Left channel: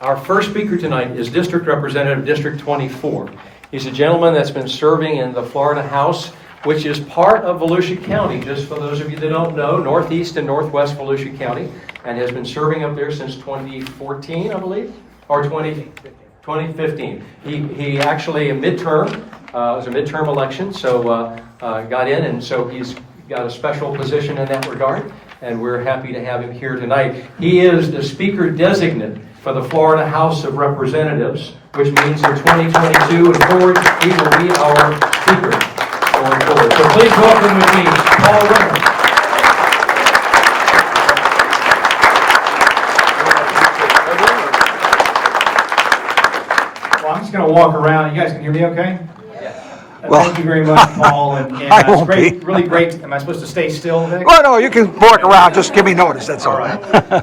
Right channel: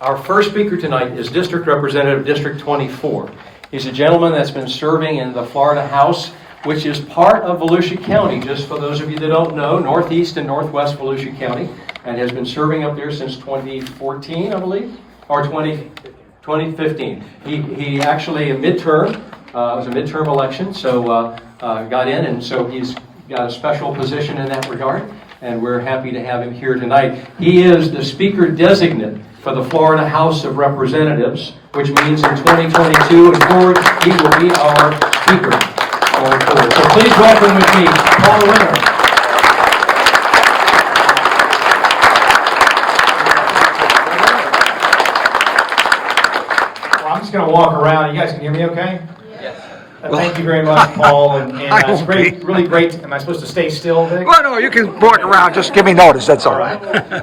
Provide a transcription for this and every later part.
Our first speaker tonight is District Representative District 24. He's a gentleman that's been serving in the Florida House, which is part of Volusia County, just for those of you that don't know, northeast and northwest Volusia County, and has been serving up there since 2014, I believe, or 2015. He actually, a midterm, it was a midterm election, so got in, and so he's got a special position in that regard, and we're happy to have him here tonight. He is the Speaker-Designate for the Florida House of Representatives, which means in 2022 and forward, he will be our Speaker going forward. So please welcome with me, Paul Renner. Well, I'm just going to walk around. You guys can hear me okay? Well, thank you very much, Paul. And it's great, really great. Am I supposed to stay still, Vic? Well, no, you can walk around. Just give me notice. That's all right.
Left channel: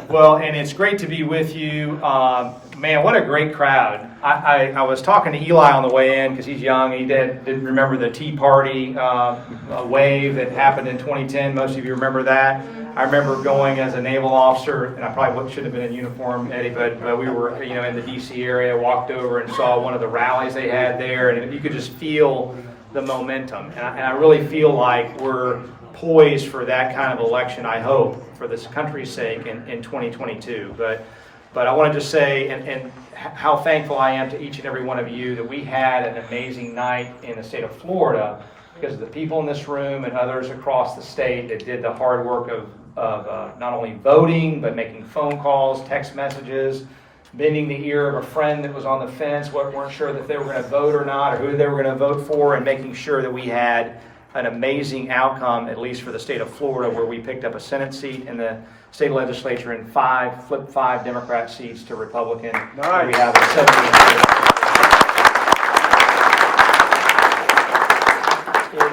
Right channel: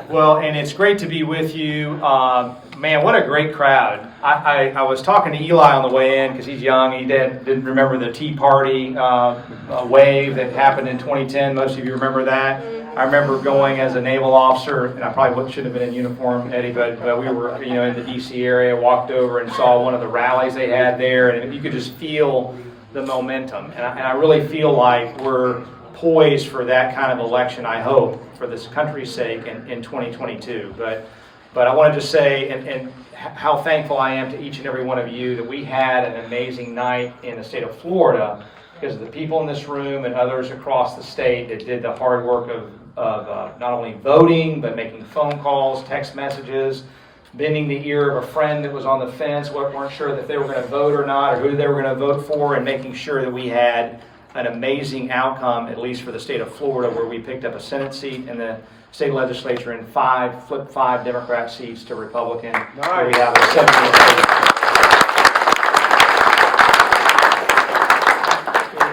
Well, and it's great to be with you. Man, what a great crowd. I was talking to Eli on the way in because he's young. He didn't remember the Tea Party wave that happened in 2010. Most of you remember that. I remember going as a naval officer, and I probably shouldn't have been in uniform, Eddie, but we were, in the D.C. area, walked over and saw one of the rallies they had there, and you could just feel the momentum. And I really feel like we're poised for that kind of election, I hope, for this country's sake in 2022. But I want to just say, and how thankful I am to each and every one of you that we had an amazing night in the state of Florida, because of the people in this room and others across the state that did the hard work of not only voting, but making phone calls, text messages, bending the ear of a friend that was on the fence, weren't sure that they were going to vote or not, or who they were going to vote for, and making sure that we had an amazing outcome, at least for the state of Florida, where we picked up a Senate seat in the state legislature and flipped five Democrat seats to Republican. Nice. Where we have a 78.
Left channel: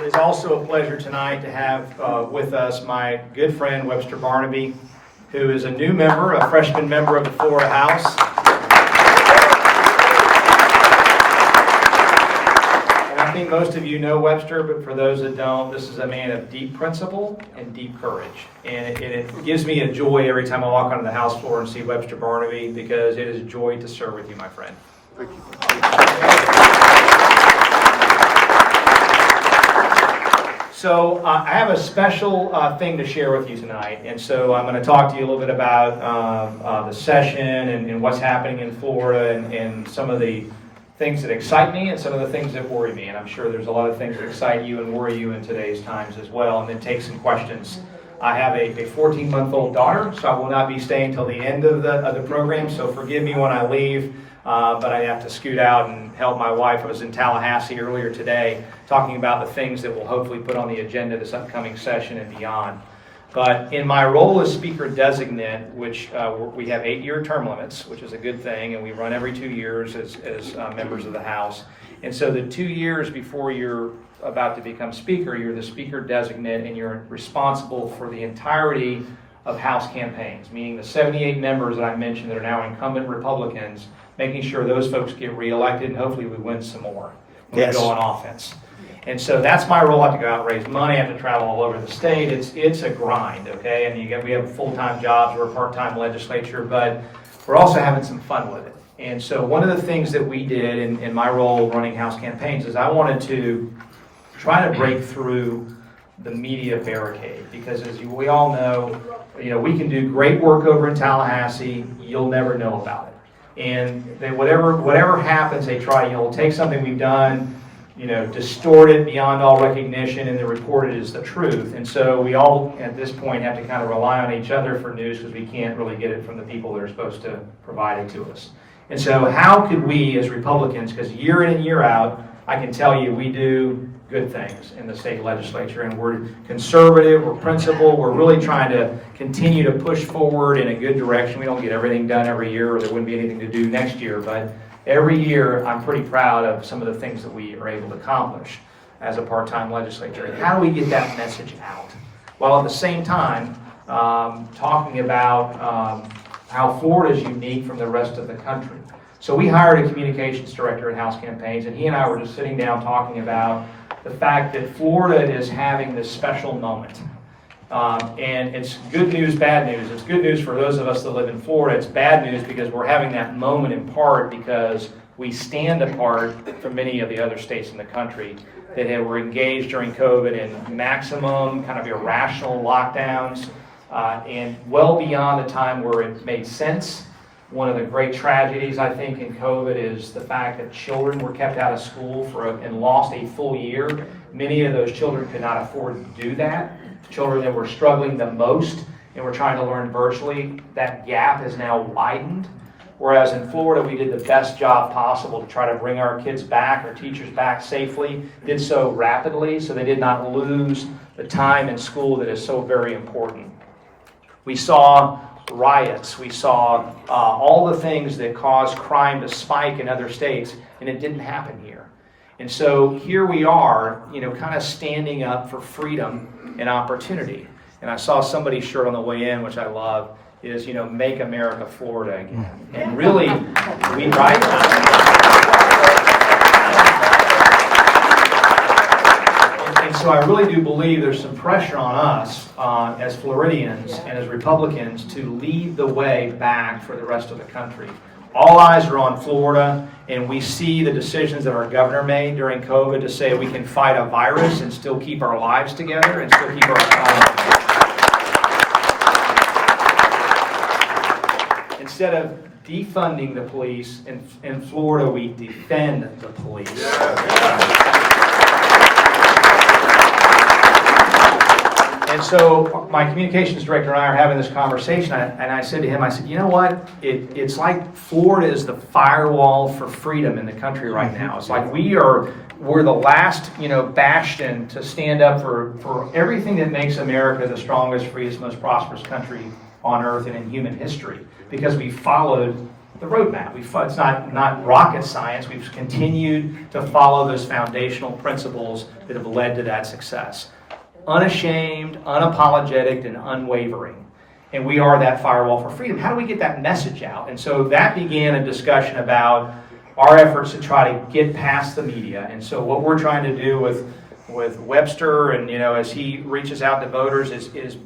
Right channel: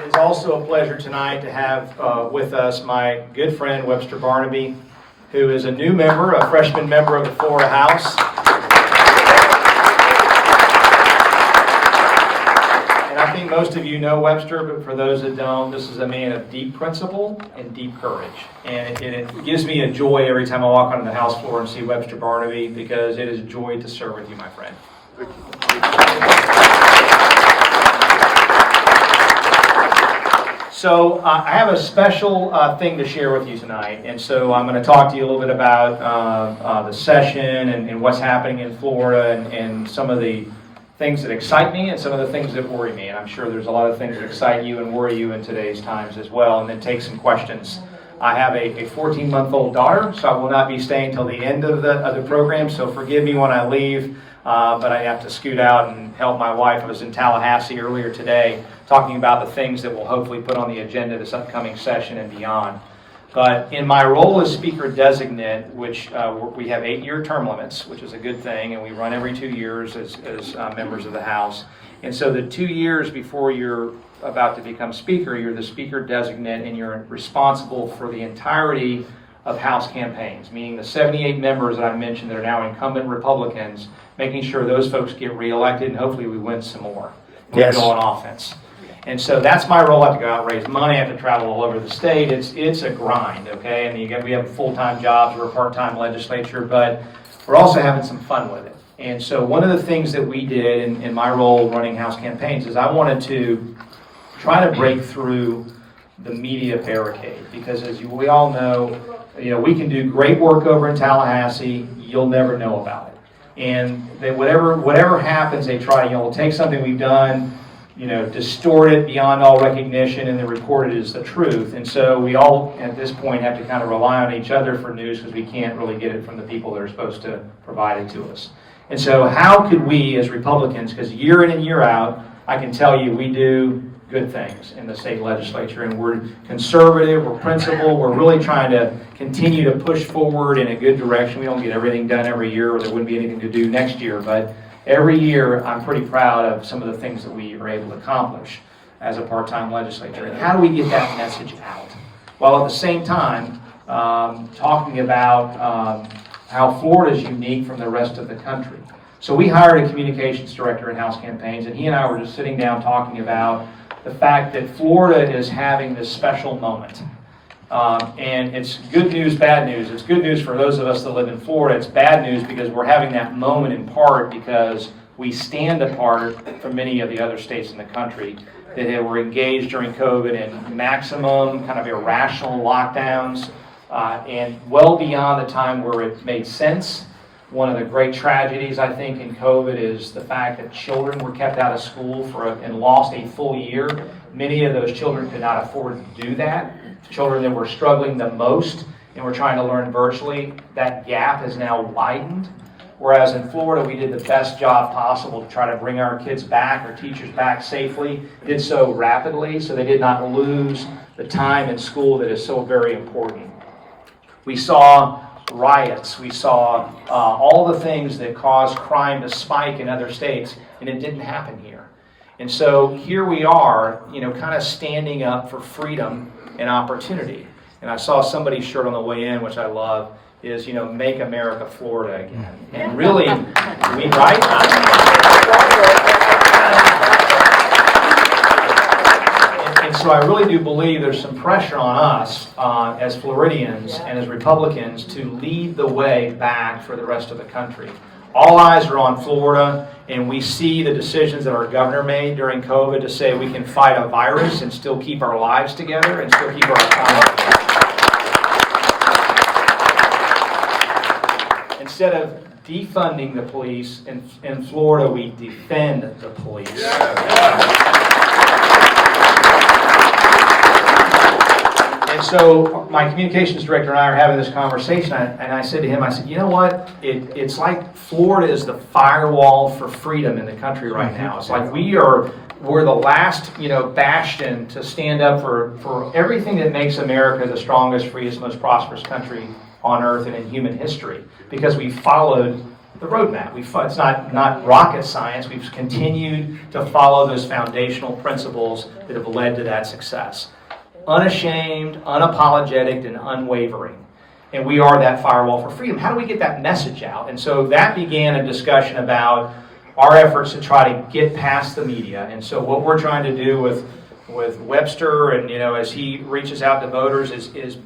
It is also a pleasure tonight to have with us my good friend Webster Barnaby, who is a new member, a freshman member of the Florida House. And I think most of you know Webster, but for those that don't, this is a man of deep principle and deep courage. And it gives me a joy every time I walk onto the House floor and see Webster Barnaby, because it is a joy to serve with you, my friend. So I have a special thing to share with you tonight, and so I'm going to talk to you a little bit about the session and what's happening in Florida and some of the things that excite me and some of the things that worry me. And I'm sure there's a lot of things that excite you and worry you in today's times as well, and then take some questions. I have a 14-month-old daughter, so I will not be staying till the end of the program, so forgive me when I leave, but I have to scoot out and help my wife. I was in Tallahassee earlier today talking about the things that we'll hopefully put on the agenda this upcoming session and beyond. But in my role as Speaker-Designate, which we have 8-year term limits, which is a good thing, and we run every 2 years as members of the House. And so the 2 years before you're about to become Speaker, you're the Speaker-Designate, and you're responsible for the entirety of House campaigns, meaning the 78 members that I mentioned that are now incumbent Republicans, making sure those folks get reelected, and hopefully we win some more. And we go on offense. And so that's my role. I have to go out and raise money. I have to travel all over the state. It's a grind, okay? I mean, we have full-time jobs. We're a part-time legislature, but we're also having some fun with it. And so one of the things that we did in my role running House campaigns is I wanted to try to break through the media barricade, because as we all know, we can do great work over in Tallahassee. You'll never know about it. And whatever happens, they try, take something we've done, distort it beyond all recognition, and then report it as the truth. And so we all, at this point, have to kind of rely on each other for news, because we can't really get it from the people that are supposed to provide it to us. And so how could we, as Republicans, because year in and year out, I can tell you we do good things in the state legislature, and we're conservative, we're principled, we're really trying to continue to push forward in a good direction. We don't get everything done every year, or there wouldn't be anything to do next year, but every year I'm pretty proud of some of the things that we are able to accomplish as a part-time legislature. And how do we get that message out? Well, at the same time, talking about how Florida is unique from the rest of the country. So we hired a communications director at House Campaigns, and he and I were just sitting down talking about the fact that Florida is having this special moment. And it's good news, bad news. It's good news for those of us that live in Florida. It's bad news because we're having that moment in part because we stand apart from many of the other states in the country that were engaged during COVID in maximum kind of irrational lockdowns and well beyond the time where it made sense. One of the great tragedies, I think, in COVID is the fact that children were kept out of school and lost a full year. Many of those children could not afford to do that. Children that were struggling the most and were trying to learn virtually, that gap has now widened. Whereas in Florida, we did the best job possible to try to bring our kids back, our teachers back safely, did so rapidly so they did not lose the time in school that is so very important. We saw riots, we saw all the things that caused crime to spike in other states, and it didn't happen here. And so here we are, kind of standing up for freedom and opportunity. And I saw somebody's shirt on the way in, which I love, is, make America Florida again. And really, right? And so I really do believe there's some pressure on us as Floridians and as Republicans to lead the way back for the rest of the country. All eyes are on Florida, and we see the decisions that our governor made during COVID to say we can fight a virus and still keep our lives together and still keep our economy together. Instead of defunding the police, in Florida we defend the police. And so my communications director and I are having this conversation, and I said to him, you know what? It's like Florida is the firewall for freedom in the country right now. It's like we're the last, bastion to stand up for everything that makes America the strongest, freest, most prosperous country on earth and in human history, because we followed the roadmap. It's not rocket science. We've continued to follow those foundational principles that have led to that success. Unashamed, unapologetic, and unwavering. And we are that firewall for freedom. How do we get that message out? And so that began a discussion about our efforts to try to get past the media. And so what we're trying to do with Webster and, as he reaches out to voters is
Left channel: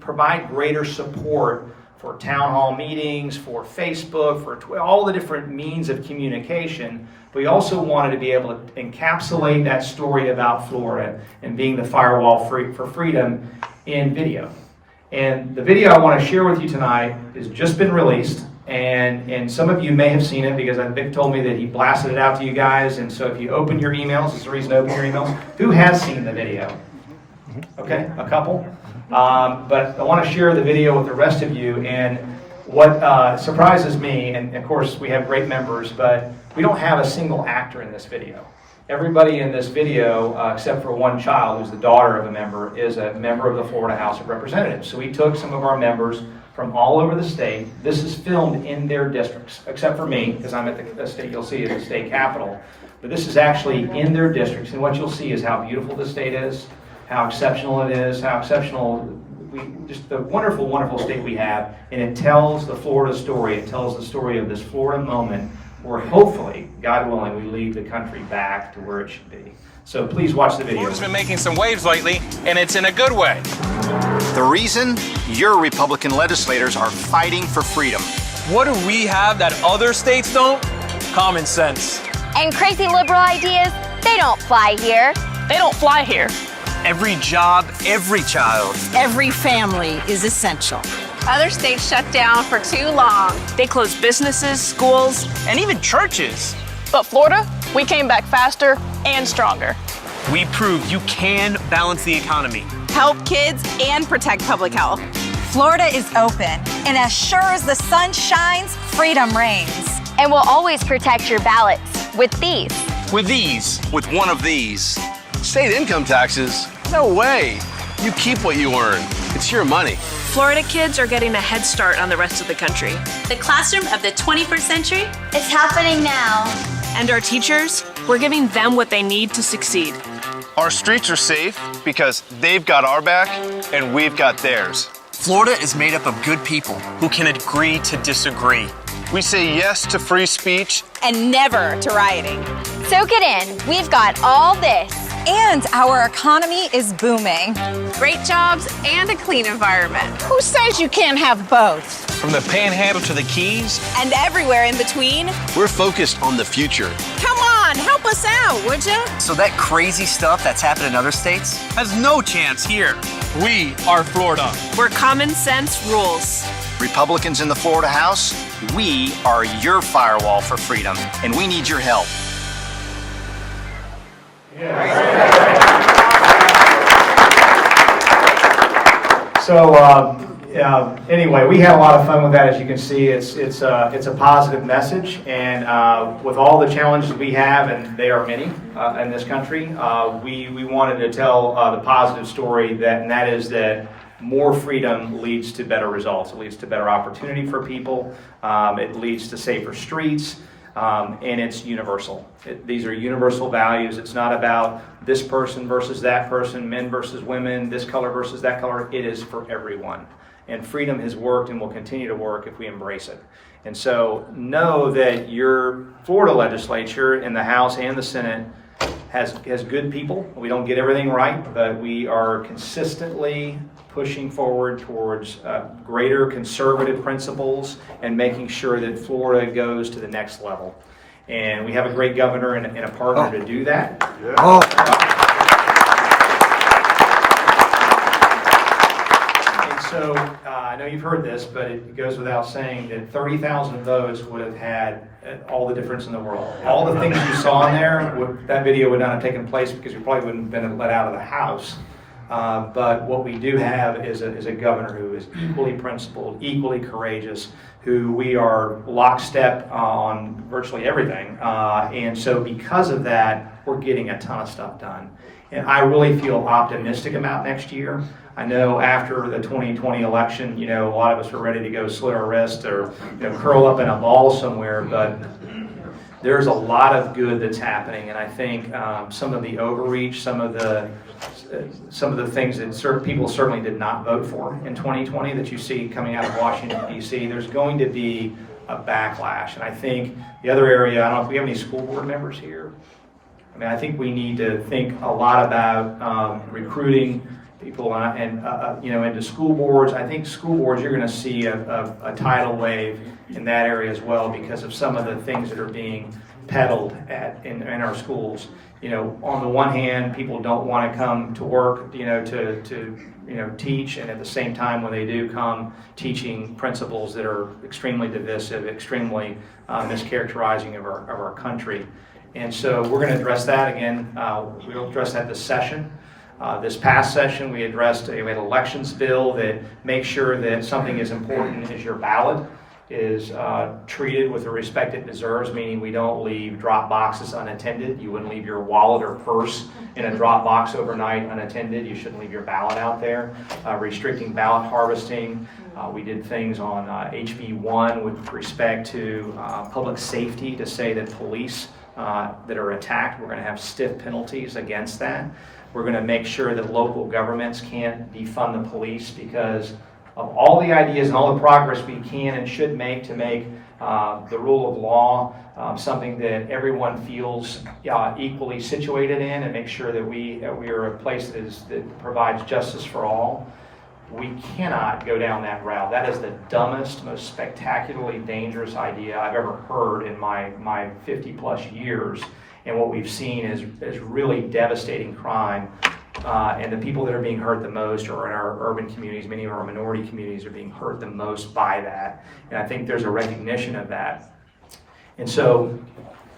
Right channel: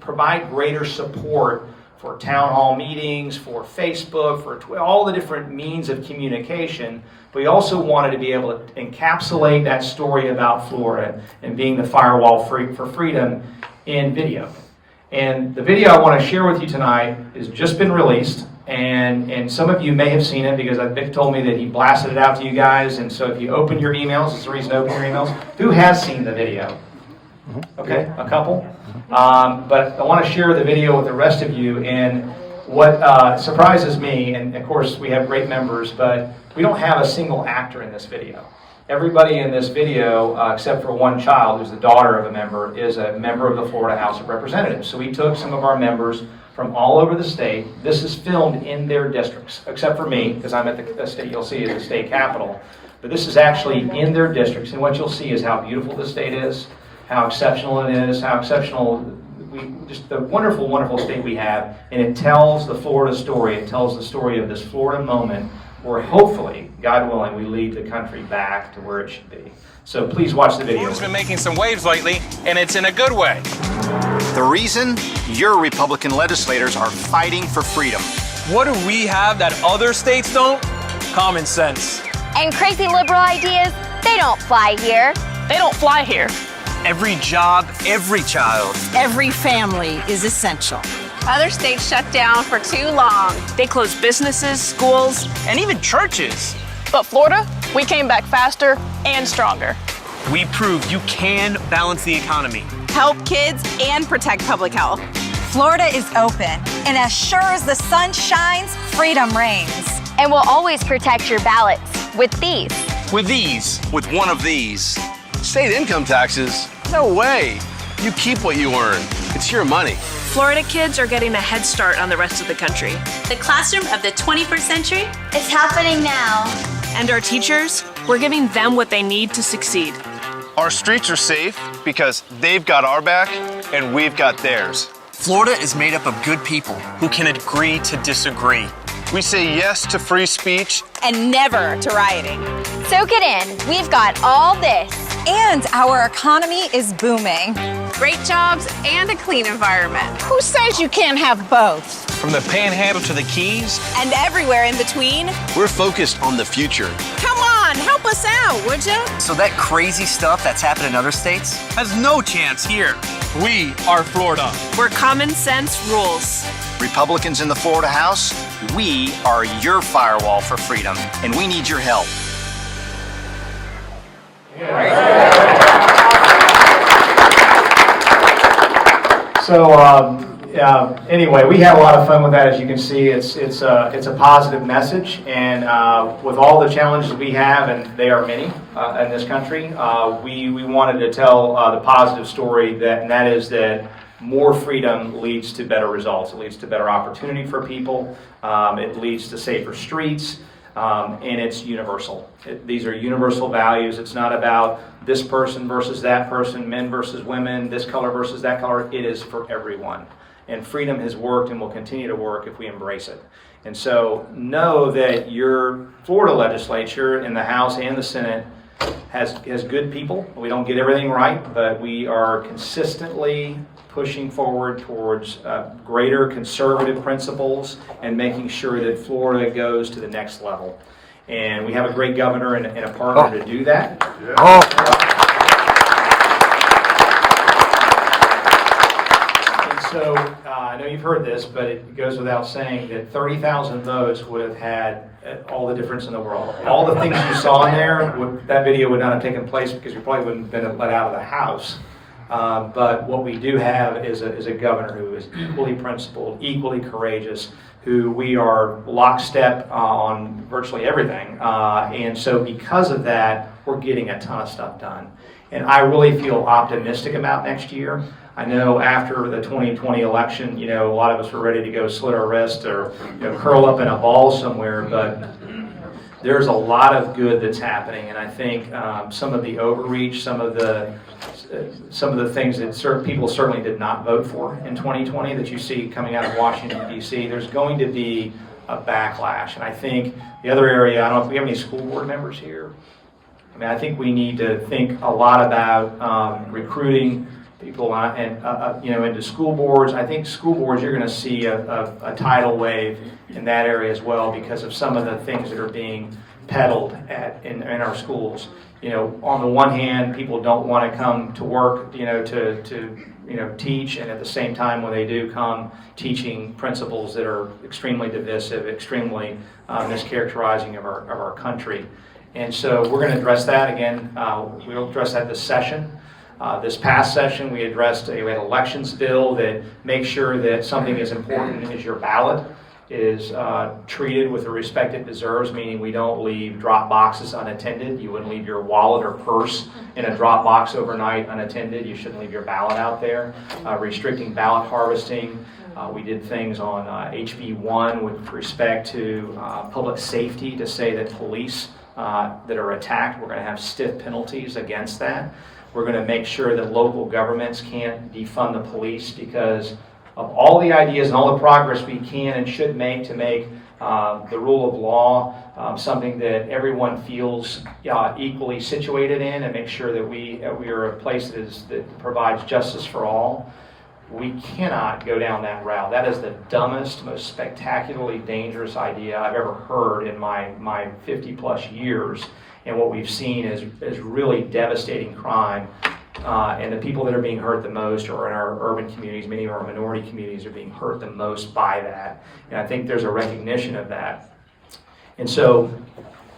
provide greater support for town hall meetings, for Facebook, for all the different means of communication. But we also wanted to be able to encapsulate that story about Florida and being the firewall for freedom in video. And the video I want to share with you tonight has just been released, and some of you may have seen it because Vic told me that he blasted it out to you guys. And so if you open your emails, it's the reason to open your emails. Who has seen the video? Okay, a couple. But I want to share the video with the rest of you. And what surprises me, and of course we have great members, but we don't have a single actor in this video. Everybody in this video, except for one child who's the daughter of a member, is a member of the Florida House of Representatives. So we took some of our members from all over the state. This is filmed in their districts, except for me, because I'm at the state, you'll see, is the state capital. But this is actually in their districts, and what you'll see is how beautiful the state is, how exceptional it is, how exceptional, just the wonderful, wonderful state we have, and it tells the Florida story. It tells the story of this Florida moment where hopefully, God willing, we lead the country back to where it should be. So please watch the video. Florida's been making some waves lately, and it's in a good way. The reason? Your Republican legislators are fighting for freedom. What do we have that other states don't? Common sense. And crazy liberal ideas, they don't fly here. They don't fly here. Every job, every child. Every family is essential. Other states shut down for too long. They closed businesses, schools, And even churches. but Florida, we came back faster and stronger. We proved you can balance the economy. Help kids and protect public health. Florida is open, and as sure as the sun shines, freedom reigns. And we'll always protect your ballots with these. With these. With one of these. State income taxes? No way. You keep what you earn. It's your money. Florida kids are getting a head start on the rest of the country. The classroom of the 21st century? It's happening now. And our teachers, we're giving them what they need to succeed. Our streets are safe because they've got our back and we've got theirs. Florida is made up of good people. Who can agree to disagree. We say yes to free speech And never to rioting. Soak it in. We've got all this. And our economy is booming. Great jobs and a clean environment. Who says you can't have both? From the Panhandle to the Keys, And everywhere in between? We're focused on the future. Come on, help us out, would you? So that crazy stuff that's happened in other states has no chance here. We are Florida. Where common sense rules. Republicans in the Florida House, we are your firewall for freedom, and we need your help. So anyway, we had a lot of fun with that. As you can see, it's a positive message, and with all the challenges we have, and they are many in this country, we wanted to tell the positive story, and that is that more freedom leads to better results. It leads to better opportunity for people. It leads to safer streets. And it's universal. These are universal values. It's not about this person versus that person, men versus women, this color versus that color. It is for everyone. And freedom has worked and will continue to work if we embrace it. And so know that your Florida legislature in the House and the Senate has good people. We don't get everything right, but we are consistently pushing forward towards greater conservative principles and making sure that Florida goes to the next level. And we have a great governor and a partner to do that. And so I know you've heard this, but it goes without saying that 30,000 votes would have had all the difference in the world. All the things you saw in there, that video would not have taken place because we probably wouldn't have been let out of the House. But what we do have is a governor who is equally principled, equally courageous, who we are lockstep on virtually everything. And so because of that, we're getting a ton of stuff done. And I really feel optimistic about next year. I know after the 2020 election, a lot of us were ready to go slit our wrist or curl up in a ball somewhere, but there's a lot of good that's happening. And I think some of the overreach, some of the things that certain people certainly did not vote for in 2020 that you see coming out of Washington, D.C., there's going to be a backlash. And I think the other area, I don't know if we have any school board members here. I mean, I think we need to think a lot about recruiting people into school boards. I think school boards, you're going to see a tidal wave in that area as well because of some of the things that are being peddled in our schools. On the one hand, people don't want to come to work, to teach, and at the same time, when they do come, teaching principles that are extremely divisive, extremely mischaracterizing of our country. And so we're going to address that again. We'll address that this session. This past session, we had an elections bill that makes sure that something as important as your ballot is treated with the respect it deserves, meaning we don't leave drop boxes unattended. You wouldn't leave your wallet or purse in a drop box overnight unattended. You shouldn't leave your ballot out there. Restricting ballot harvesting. We did things on HB1 with respect to public safety to say that police that are attacked, we're going to have stiff penalties against that. We're going to make sure that local governments can't defund the police because of all the ideas and all the progress we can and should make to make the rule of law something that everyone feels equally situated in, and make sure that we are a place that provides justice for all. We cannot go down that route. That is the dumbest, most spectacularly dangerous idea I've ever heard in my 50 plus years. And what we've seen is really devastating crime. And the people that are being hurt the most are in our urban communities. Many of our minority communities are being hurt the most by that. And I think there's a recognition of that. And so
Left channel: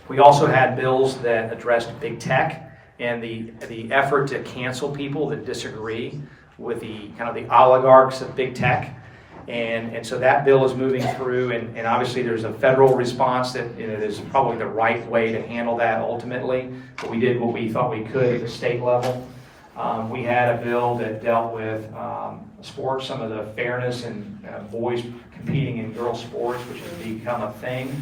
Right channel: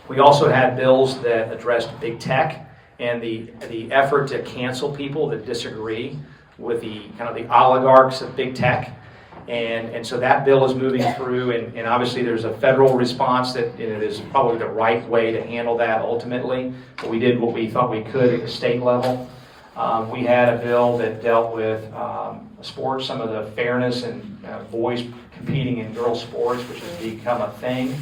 we also had bills that addressed big tech and the effort to cancel people that disagree with the kind of the oligarchs of big tech. And so that bill is moving through, and obviously there's a federal response that is probably the right way to handle that ultimately. But we did what we thought we could at the state level. We had a bill that dealt with sports, some of the fairness and boys competing in girls sports, which has become a thing.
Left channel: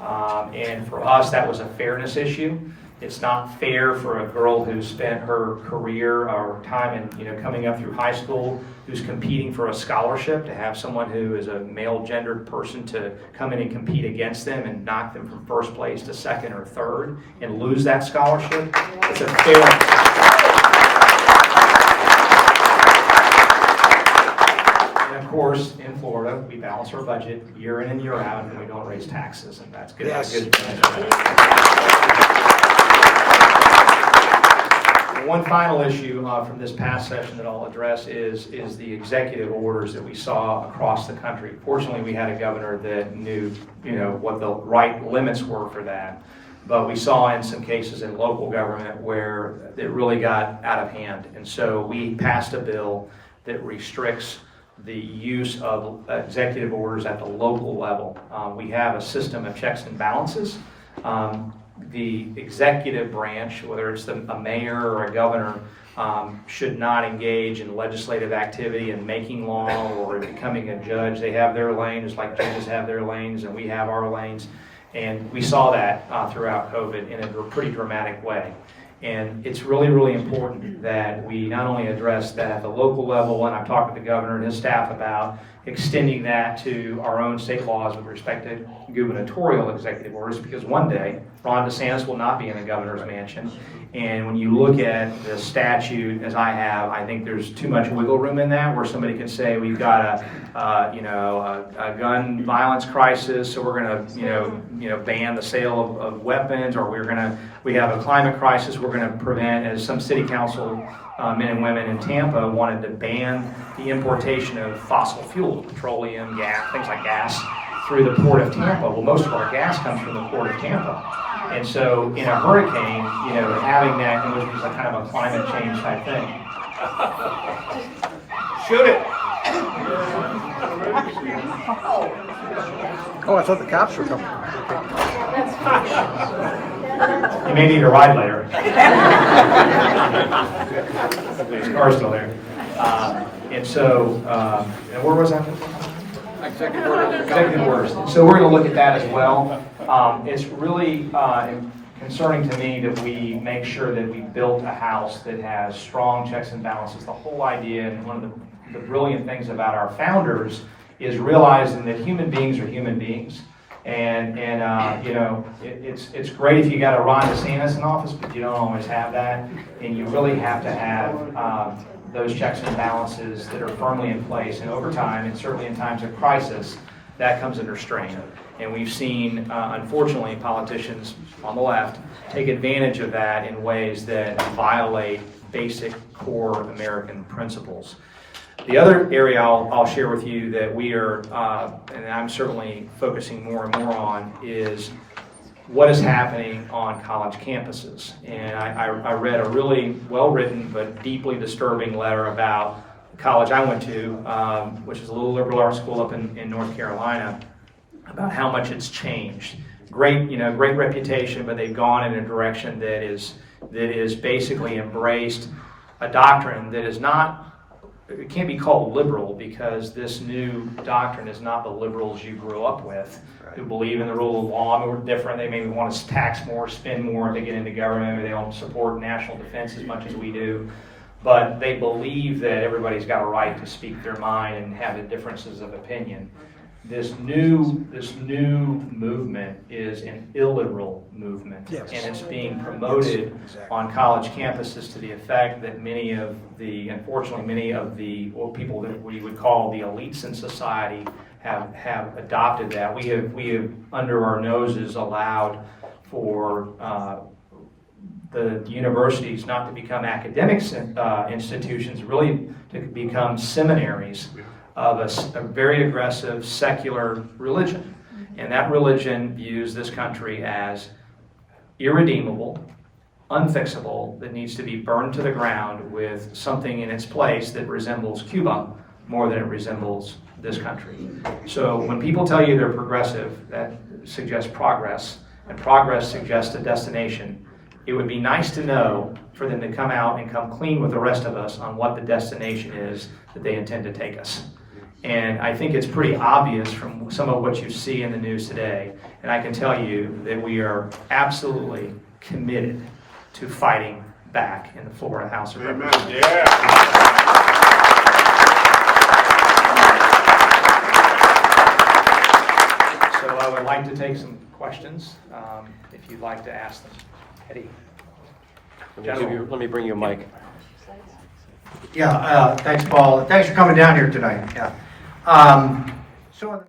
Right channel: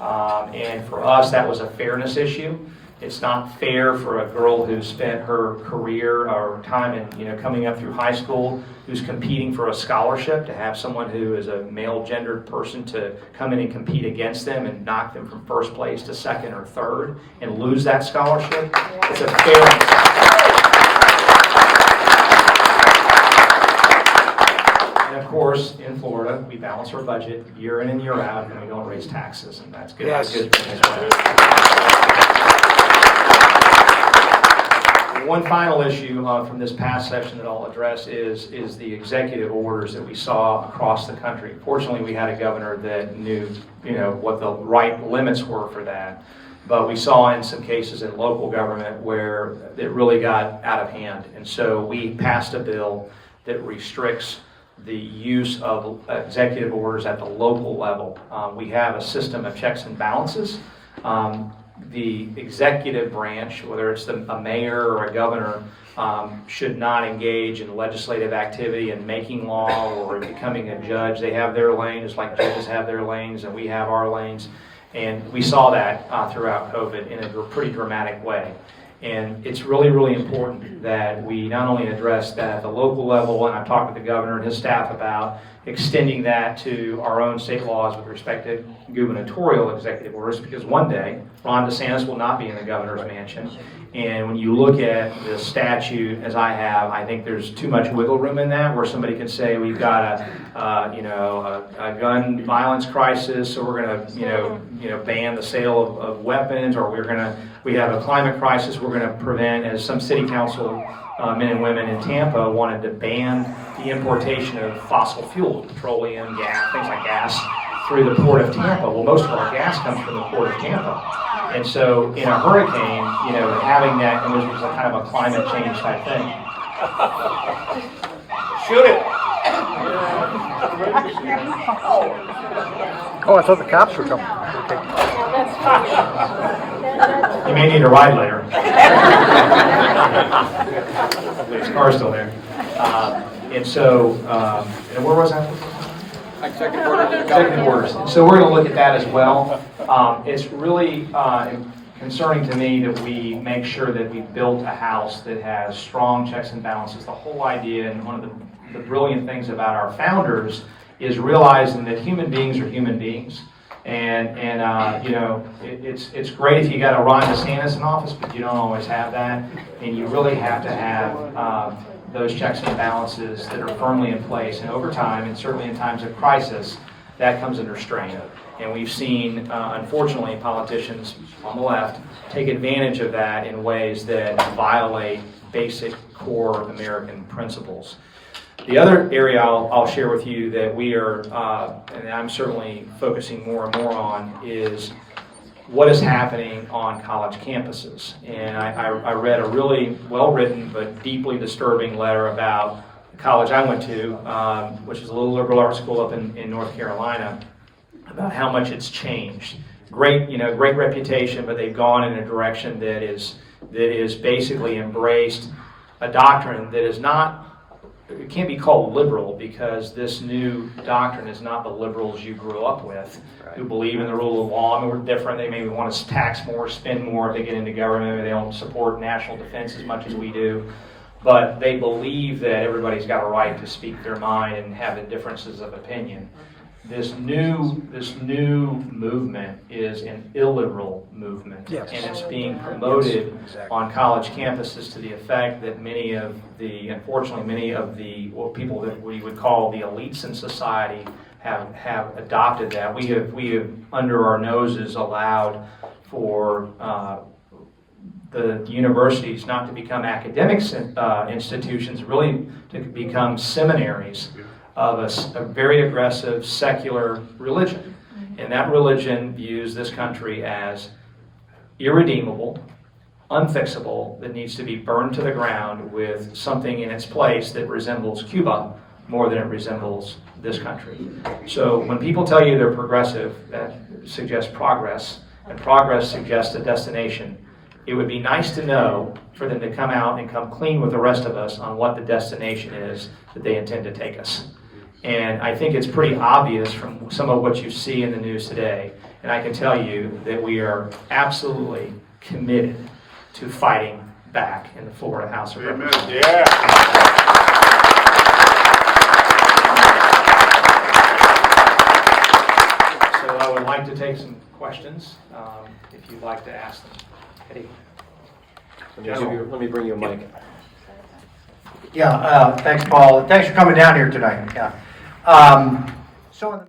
And for us, that was a fairness issue. It's not fair for a girl who spent her career or time in, coming up through high school, who's competing for a scholarship, to have someone who is a male gendered person to come in and compete against them and knock them from first place to second or third and lose that scholarship. It's a fair. And of course, in Florida, we balance our budget year in and year out, and we don't raise taxes, and that's good. Yes. Good. One final issue from this past session that I'll address is the executive orders that we saw across the country. Fortunately, we had a governor that knew, what the right limits were for that. But we saw in some cases in local government where it really got out of hand. And so we passed a bill that restricts the use of executive orders at the local level. We have a system of checks and balances. The executive branch, whether it's a mayor or a governor, should not engage in legislative activity and making law or becoming a judge. They have their lane, just like judges have their lanes, and we have our lanes. And we saw that throughout COVID in a pretty dramatic way. And it's really, really important that we not only address that at the local level, and I've talked with the governor and his staff about extending that to our own state laws with respect to gubernatorial executive orders, because one day Ron DeSantis will not be in the governor's mansion. And when you look at the statute, as I have, I think there's too much wiggle room in that, where somebody could say we've got a gun violence crisis, so we're going to ban the sale of weapons, or we have a climate crisis, we're going to prevent, as some city council men and women in Tampa wanted to ban the importation of fossil fuel, petroleum, gas, things like gas, through the port of Tampa. Well, most of our gas comes from the port of Tampa. And so in a hurricane, having that, and this was a kind of a climate change type thing. Shoot it! Oh, I thought the cops were coming. You may need a ride later. Hopefully his car's still there. And so, and where was that? Executive orders. And so we're going to look at that as well. It's really concerning to me that we make sure that we built a house that has strong checks and balances. The whole idea, and one of the brilliant things about our founders, is realizing that human beings are human beings. And it's great if you got a Ron DeSantis in office, but you don't always have that. And you really have to have those checks and balances that are firmly in place. And over time, and certainly in times of crisis, that comes under strain. And we've seen, unfortunately, politicians on the left take advantage of that in ways that violate basic core American principles. The other area I'll share with you that we are, and I'm certainly focusing more and more on, is what is happening on college campuses. And I read a really well-written but deeply disturbing letter about the college I went to, which is a little liberal arts school up in North Carolina, about how much it's changed. Great reputation, but they've gone in a direction that is basically embraced a doctrine that is not. It can't be called liberal, because this new doctrine is not the liberals you grew up with, who believe in the rule of law. And we're different. They maybe want to tax more, spend more if they get into government. Maybe they don't support national defense as much as we do. But they believe that everybody's got a right to speak their mind and have the differences of opinion. This new movement is an illiberal movement, yes. And it's being promoted on college campuses to the effect that unfortunately many of the people that we would call the elites in society have adopted that. We have under our noses allowed for the universities not to become academic institutions, really to become seminaries of a very aggressive secular religion. And that religion views this country as irredeemable, unfixable, that needs to be burned to the ground with something in its place that resembles Cuba more than it resembles this country. So when people tell you they're progressive, that suggests progress, and progress suggests a destination. It would be nice to know for them to come out and come clean with the rest of us on what the destination is that they intend to take us. And I think it's pretty obvious from some of what you see in the news today, and I can tell you that we are absolutely committed to fighting back in the Florida House of Representatives. So I would like to take some questions, if you'd like to ask them. Eddie. Let me bring you a mic. Yeah, thanks, Paul. Thanks for coming down here tonight. Yeah. So